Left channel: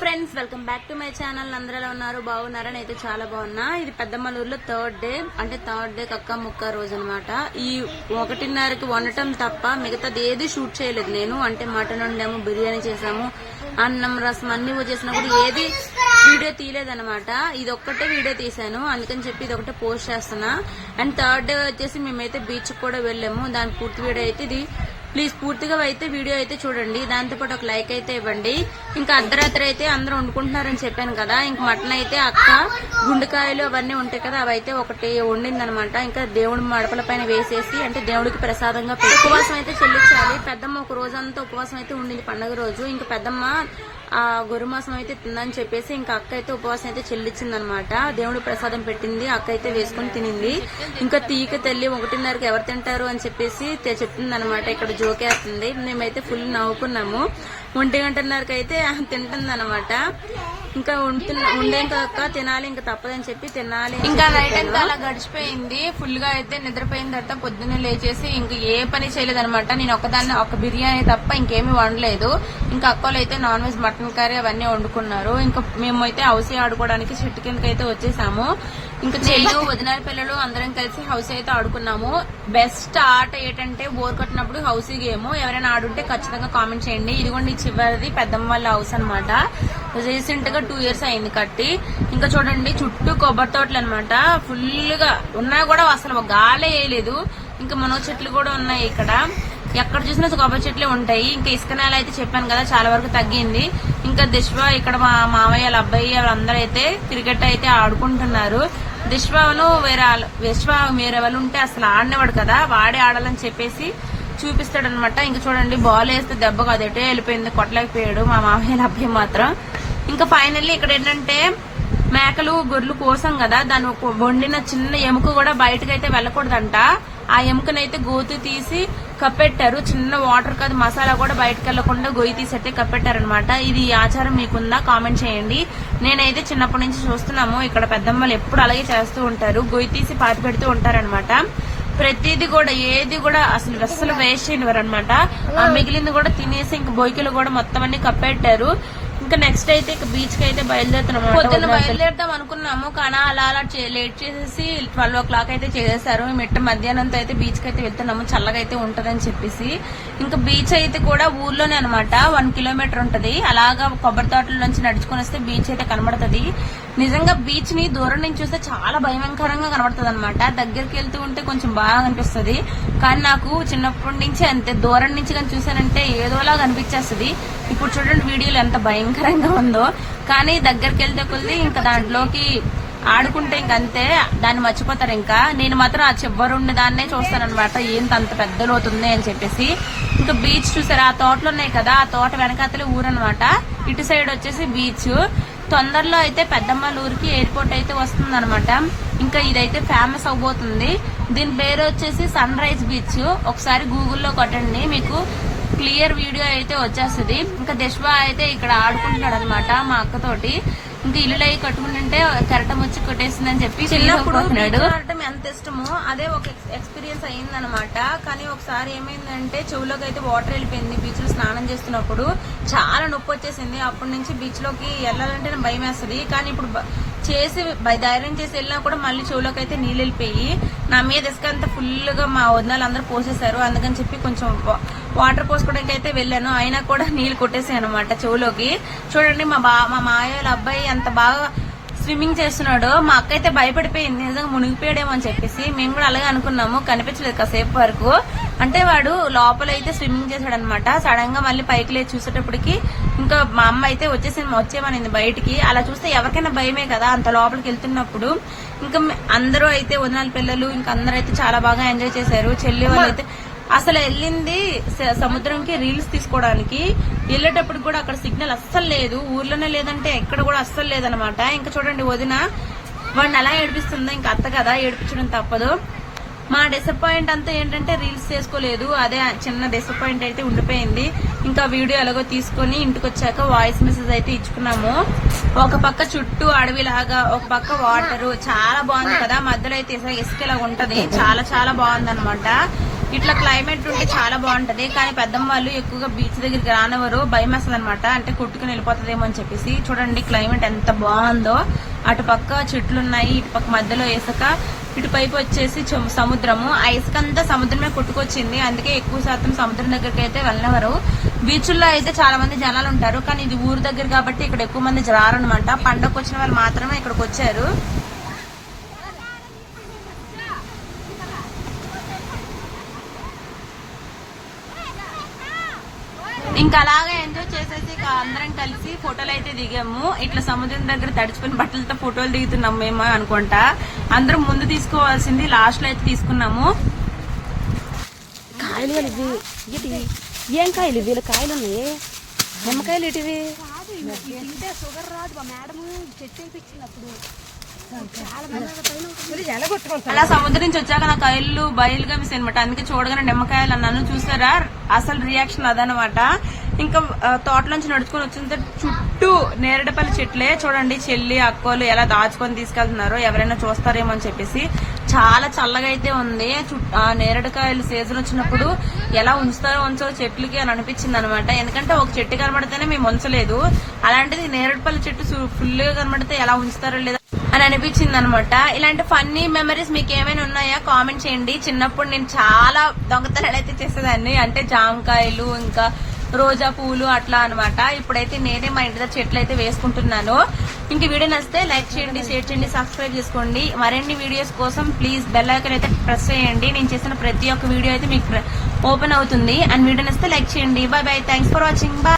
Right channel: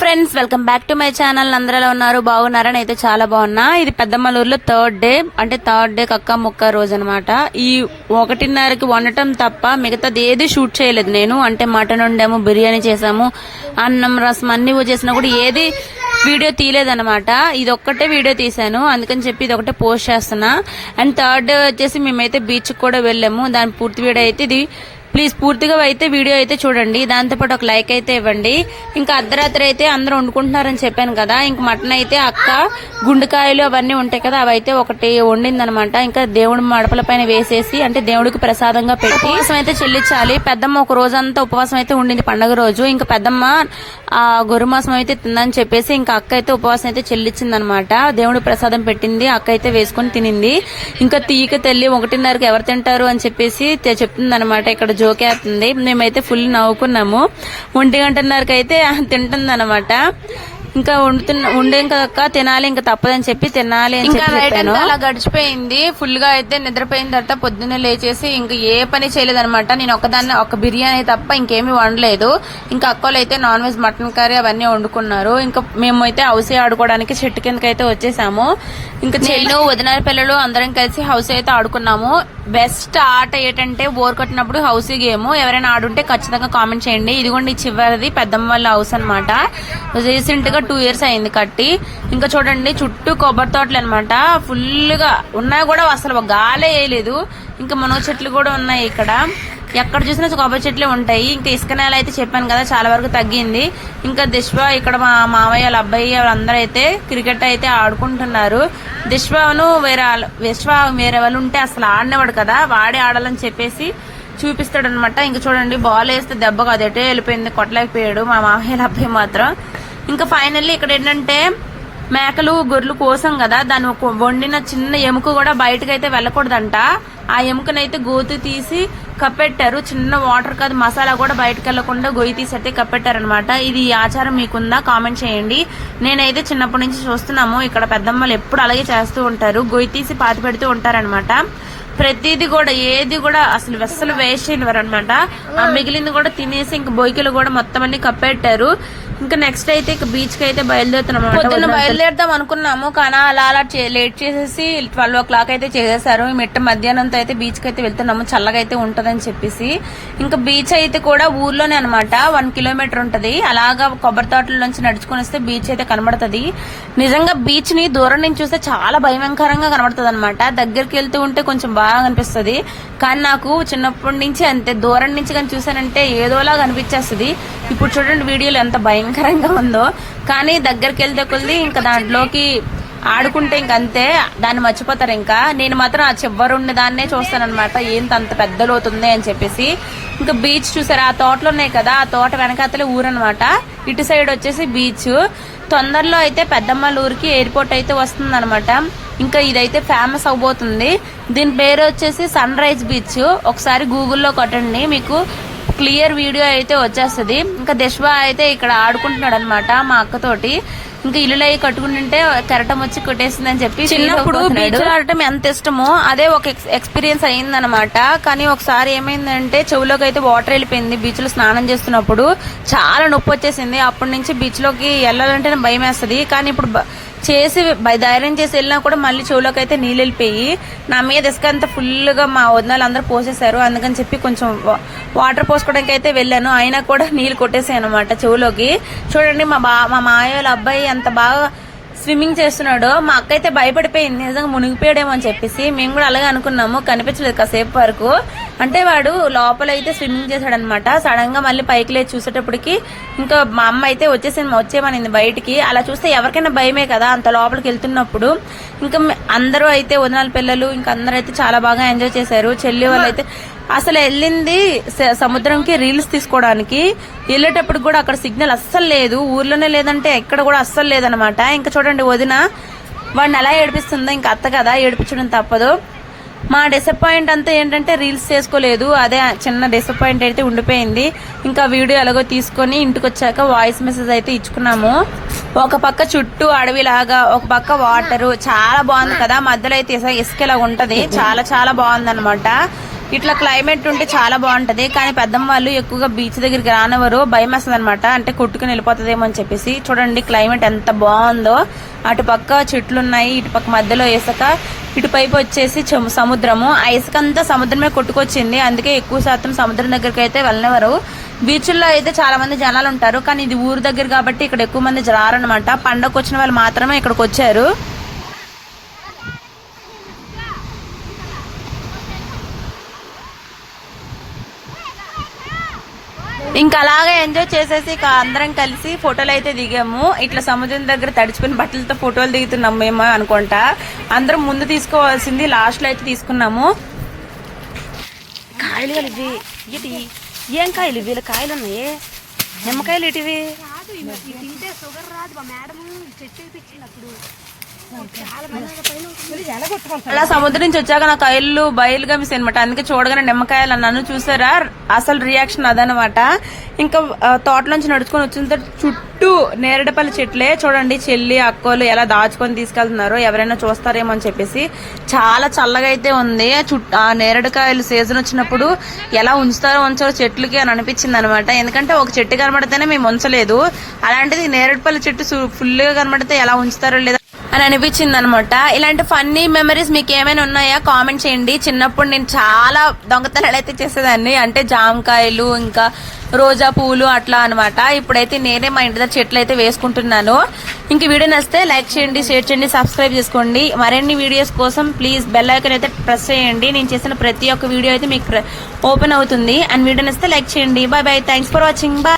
Friends, welcome back to my channel. అందరూ ఎలా ఉన్నారు? బాగున్నారని అయితే చాలా బాగున్నా. ఇది పెద్దమల్లూరులో థర్డ్ డే కక్క ముక్క రోజు అనమాట. ఈ 1:30కి వండటం తప్ప మిగతాది ఏది షూట్ చేయలేదు నేను. అంటే మటన్ వండాము, బిర్యానీ చేసాము, అన్నం రసం అన్ని చేసినా కూడా ఏది వీడియో తీయలేదన్నమాట. ఇది ఒక్కటే వీడియో తీసాను, అందుకని చెప్పి ఇది ఒకటే పోస్ట్ చేస్తున్నా. అండ్ థర్డ్ డే వచ్చేసి మేమైతే బీచ్ కూడా వెళ్ళాము. దాని పూర్తి వీడియో అయితే ఇది. ప్లీజ్ పూర్తిగా అయితే వీడియో అయితే చూడండి, దాంతోపాటు ఒక లైక్ అయితే ఇవ్వండి. ఇంకా అర్ధరాత్రి అయితే అందరూ వండుకుంటున్నారని చెప్పాను కదా. ఇంక మటన్ అయితే అక్క గుండెకాయలు అవన్నీ ఉంటాయి కదా, అవి అయితే ఒకటి వండిందనమాట. ఇంకా దేవుడి మడపల పైన వేసేసి, అంటే దేవుడికి ప్రసాదంగా పెట్టి ఉపవాసం అయితే చెల్లించాలి. పెద్దమ్మ ఒక రోజంతా ఉపవాసం అయితే ఉండింది పండుగ రోజు. ఇంకా పెద్దమ్మ గొర్రె మాసం అయితే తిందని చెప్పేసి ఇంకా అక్క అయితే ఉపవాసం అయితే చెల్లించింది అనమాట. దేవుడి ప్రసాదం పెట్టింది, అక్క అయితే వేసుకుని తినింది. ఇంకా తీయక తల్లి 1:30కి ఎవరు తింటారు అని చెప్పేసి చెప్తుంది అనమాట. ఇక్కడ జోకేస్తుంది. మేమైతే ఫుల్ నవ్వుకున్నాము. 1:30కి అయితే తింటుంది అనమాట. ఇంకా ఉండేం కదక్క తినాలి, ఇంకా తప్పదని చెప్పి తినాలి. ఇంకా నైట్ అంతా అలా గడిచిపోయింది. ఫుల్ గా అయితే నిద్రపోయిన తర్వాత పొద్దున్నే లేచేసి ఇంకా ఏ పని చేయలేదనమాట. నేను ఒక బిర్యానీ తప్ప ఇంకేమీ వండలేదు. ఇంకా అక్కలు అయితే నాన్ వెజ్ మటన్ కర్రీ అవన్నీ వండుకున్నారు. ఇంకా మేమైతే హౌస్ ఆడుకోవడానికి చెట్టు కిందకి అయితే వచ్చేసాము. ఇంకా చెల్లు వదిన పిల్లలు అందరం కలిసి హౌస్ అయితే ఆడుకున్నాము. బెస్ట్ ఆట ఏంటంటే బోర్ కొట్టినప్పుడు హౌస్ గేమ్. ఎవరైనా ఆడుంటే ఖచ్చితంగా కామెంట్ చేయండి. ఇదిగోండి చివరిది పెద్దమ్మ వాళ్ళ హౌస్ అనమాట. రీసెంట్ గా 2 years అయింది కట్టి. ఇంకా చూడండి చుట్టూ కొబ్బరి తోటలు అనమాట. ఫుల్ గా ఉన్నా కూడా అసలు గాలే వేయలేదు. ఇంకా మునగ చెట్లు కూడా ఉన్నాయి ఇక్కడ. ఎక్కడ చూసినా కొబ్బరి చెట్లే ఉంటాయి. ఇంకా ఇసుక నేల అయితే చెప్పాను కదా చాలా వరకు తగ్గింది. ఇంకా దిశ్వా ఇక్కడ మా మావయ్య వాళ్ళ అబ్బాయి వాళ్ళందరూ అయితే క్రికెట్ అయితే ఆడుకుంటున్నారు. దిశ్వాను వేరే వాళ్ళు ఉంటే అసలు ఆడినవాడు కదా, వాడే ఆడాలని చెప్పేసి చూపిస్తాడు అనమాట. ఇంకా చూడండి బాల్ వేస్తే దెబ్బ అదటే వెళ్ళిపోయింది, కొట్టలేకపోయాడు మా మామయ్య అబ్బాయి మాత్రం. ఇంకా ఫైనల్లీ ఇక్కడ ఏంటంటే మేకలు గొర్రెలు కోసం కదా, దాన్ని వండిన చిన్న ఎముక కూడా బయటకు అయితే వెళ్ళకూడదంట. ఆ ఎముకనైతే గోతి తీసి కప్పెట్టారు. చిన్న వాటర్ కాదు మసాలా కూడా బయటకు వెళ్లకుండా గొయ్యి తీసి అయితే కప్పెట్టారనమాట. ఇది ఆచారం మీకుందా కామెంట్ చేయండి. నేనైతే చిన్నప్పటి నుంచి చూస్తున్నాము. ఇక్కడ పెద్దమ్మలు ఎప్పుడు అలాగే చేస్తూ ఉంటారు, గొయ్యి తీసి పాతి పెడుతూ ఉంటారనమాట. ప్రతిది కూడా ఏది కూడా అసలు వేస్ట్ చేయనివారు అనమాట. ఆ మిగిలింది కూడా తినేసి ఇంక బొయ్యిలు కూడా మొత్తం అన్ని కప్పెట్టారు. ఇంకా నెక్స్ట్ అయితే బీచ్ కి అయితే బయలుదేరుతాం అనుకున్నాము. కానీ అలా లేట్ చేసేసి 12 o'clock అయితే చేసేసారు. మిట్ట మధ్యాహ్నంతో అయితే బీచ్ కి అయితే వెళ్తున్నాము, చల్లగా అయితే ఉంటదని చెప్పేసి. ఇంకా బీచ్ అయితే కూడా ఊర్లోనే అనమాట. 1 kilometer ఉంటది. అలాగా కొబ్బరి తోటల నుంచి నడుచుకుని వస్తే బీచ్ అయితే కనబడుతుంది. నిజంగా బీచ్ ని దూరం నుంచి చూస్తే చాలా భయంకరంగా కనబడుతుంది అనమాట. దగ్గరికి వెళ్తూ ఉంటే కొంచెం బాగా అనిపిస్తుంది. కానీ నాకు చిన్నప్పటి నుంచి అంతే, దూరం నుంచి కానీ చూసానంటే ఏదోలాగా అనిపించేస్తుంది. ఇప్పుడు చూడండి వీడియోలో ఎంత భయంకరంగా ఉందో. కానీ దగ్గరికి వెళ్తే కొద్ది ఇంకా దాంట్లోకి ఆడుకుంటే ఇంకంతే, దాన్ని మర్చిపోతారు. ఇంకా నేను మాత్రం ఆ చివరుండి దాన్నే చూస్తానన్నమాట, ఏంటి అంత పెద్ద లోతుంది అని చెప్పేసి. ఇంకా బీచ్ చూసారు, ఆ తోటలు ఉన్నాయి కదా, ఆ తోట వెనకాతలే ఊరనమాట. ఇటు సైడ్ వచ్చేసి బీచ్. తొందరలో అయితే పెద్దమ్మల ఊరికి ఎయిర్పోర్ట్ అయితే వస్తుంది అనమాట. ఇంకా ఇదైతే ఫేమస్ అవబోతుంది. దీని పేరు వచ్చేసి సన్ రైజ్ బీచ్. ఒకసారి గూగుల్లో కొట్టండి, మీకు క్లియర్ వీడియో అయితే వచ్చేస్తుంది. ఇంకా దిశ్వా అయితే ఇక్కడ ఆడుకుంటున్నాడు అనమాట మా అక్కతోటి. ఇంకా ఇల్లు అయి కట్టుకుంటుంటే కెరటం వచ్చి కొట్టేసిందని చెప్పి చిన్నప్పుడు బీచ్ ఆడటం ఎంత ఇష్టమో అదే ఒక ఎక్స్పీరియన్స్ అయిందనమాట. కానీ ఒకసారి ఏమైందంటే చెవులోకి అయితే వాటర్ వెళ్ళిపోయింది. బీచ్ లో స్నానం చేస్తున్నప్పుడు చాలా నొప్పి వచ్చేసింది. అప్పటి నుంచి బీచ్ లోకి వెళ్ళాలంటేనే భయం వేస్తుంది. కానీ ఇప్పుడు ధైర్యం చేసి వెళ్ళినా కూడా మళ్ళీ చెవులోకి అయితే నీళ్ళు వెళ్ళిపోయి నా మీద ఇసుక అంతా ఫుల్ గా మా వదినాలు అందరూ పోసేశారు. అందుకని చెప్పి కొంచెం వాటర్ పోసుకోవడానికి అయితే వెళ్ళాను, అయినా కూడా నీళ్లు కొట్టేసాయి అనమాట చెవులోకి. చూడండి మా మామయ్య వాళ్ళ అబ్బాయి అంత బాగా స్విమ్మింగ్ చేస్తున్నాడు. మా అక్క అయితే భయపడిపోయింది, నిజంగా మునిగిపోయాడేమో అని చెప్పేసి. మేము కూడా అలాగే అనుకున్నాము, కనిపించలేదు కాసేపు వరకు. అంటే వాడు లోపల అయితే స్విమ్మింగ్ చేశాడనమాట. సడన్ గా మళ్ళీ పైకి లేచి చూసేటప్పటికి ఇంకా మా అమ్మ అయితే వచ్చేమనింది బయటికి. అలా చూస్తే ఎవరికైనా భయమే కదా అంత లోపలికి వెళ్తున్నప్పుడు. ఇంకా అందరూ అయితే వదినాల పిల్లలు ఇంకా అందరూ అయితే చాలా బాగా ఎంజాయ్ చేశారు. చెల్లి వాళ్ళు అయితే అసలు వెళ్ళింది సముద్రంకి రీల్స్ తీసుకోవడానికి. వెళ్ళేటప్పుడు కూడా అక్కడ సిగ్నల్ అస్సలు లేదు, ఊర్లోనే లేదంటే ఎక్కడ కూడా అస్సలు లేదనమాట. ఇంకా చూడండి వదిన వాడిని ఎలా ఏడిపిస్తుందో. ఇంకా అత్త కదా ఏడిపించడం తప్పదు. మా డిసప్పాయింట్ అంతా ఏంటంటే రీల్స్ చేసుకోలేదు, అదే చిన్న డిసప్పాయింట్ అయితే ఉండిపోయింది. ఇంకా వీడియో ఎలాగో తీసుకొని ఇంటికి వచ్చాక వాయిస్ మెసేజ్ అయితే ఇచ్చుకున్నాము. ఒక పక్క చుట్టూ అడవిలాగా, ఒక పక్క వాటర్ చాలా బాగుంది కదా. మధ్యలో అయితే ఇసుక ఇలా ఉంటది, చాలా చాలా బాగుంది అనమాట. ఇట్లా క్లైమేట్ ఉంటే చాలా బాగుంటది. కానీ పెద్దమ్మ వాళ్ళు ఎక్కువగా బీచ్ దగ్గరికి రానివ్వరు, భయం వేస్తుంది అనమాట. అంటే కొట్టుకుని వెళ్ళిపోతుందేమో అని చెప్పేసి. చూడండి క్లైమేట్ ఎంత బాగుందో. అటు పక్క చెట్లు ఉన్నాయి, ఇటు పక్క మధ్యలో ఇసుక, ఇటు పైపు వచ్చేసి సముద్రము. ఆ ఇసుక అంతా సముద్రమే కొట్టుకొచ్చింది. అందుకే ఎక్కువ శాతం సముద్రం దగ్గరికి అయితే వెళ్ళనివ్వరు. బీచ్ల్లో అయితే చాలా మంది జనాలు ఉంటారు, కానీ ఇది ఊరు దగ్గర కాబట్టి ఇక్కడ ఎక్కువ మంది రారనమాట. పండగకు వచ్చిన వాళ్ళు మాత్రమే ఇక్కడికి వచ్చారు. ఇంకా అలాగే ఎంజాయ్ చేసేసి ఇక అందరం కలిసి ఫోటోలు అయితే దిగాము. ఇట్లా సముద్రం దగ్గర తడుచుకుని బట్టలతో ఫోటోలు దిగుతున్నాం మేము అనుకుంటా. అందరం ముందు తీసుకోవాల్సింది లాస్ట్ లో అయితే తీసుకున్నాము. కాయలు ఇవి ఇది ఏం కాయలు? వీళ్ళ కాయలు ఉన్నాయి, నిమ్మకాయలు ఇటివి. అలా సముద్రం నుంచి వచ్చాక నా కాయలు బయలుగా మిస్ అనమాట. అందుకే చూడగానే నిమ్మకాయలు అన్నాను. చూసారా అసలు రియాక్షన్ అదనమాట. ఇంకా తోటలోంచి నడుచుకొని వచ్చిన తర్వాత చుట్టూ నేరేడుపల్లి చెట్లే. చూడండి చెల్లి అక్కలు ఎలా దాచుకొని తీసుకెళ్తున్నారు, ఎవరైనా చూస్తారేమో అని చెప్పేసి. చాలా చల్లగా అయితే ఉంది. ఆ నేరేడుకాయలు సీజన్ వచ్చినప్పుడు ఎలా ఉంచారో చెట్లకి అని అనిపించింది అనమాట. ఎందుకంటే ఒక చెట్టు కనబడితేనే మేము ఉంచలేదు, అలాంటిది నేరేడుపల్లి చెట్టు ఫుల్ గా కనబడితే ఎలా ఉంచుతారో లేదా అని అనిపించింది అనమాట. ఇలాంటి ఫన్నీ మెమరీస్ మీకు ఏమైనా ఉన్నాయా కామెంట్ చేయండి. చిన్నప్పుడు నేను చాలా దొంగతనాలు అయితే చేసేదాన్ని. అంటే జామకాయలు ఇంకా రోజా పువ్వులు అట్లా అనమాట. ఇప్పుడైతే నేనే మా ఇంటి దగ్గర చెట్లు అయితే వేసుకుంటున్నాను. ఇంక వీడియో నచ్చితే లైక్ చేయండి, షేర్ చేయండి, సబ్స్క్రైబ్ చేసుకోండి. మరిన్ని వీడియోస్ కోసం ప్లీజ్ బెల్ ఐకాన్ అయితే ప్రెస్ చేయండి. నేను చేసిన ప్రతి ఒక్క వీడియో అయితే మీకు ఓపెన్ అవుతుంది. అండ్ వీడియో నచ్చితే లైక్ చేయండి. Bye bye, thanks for watching. Bye.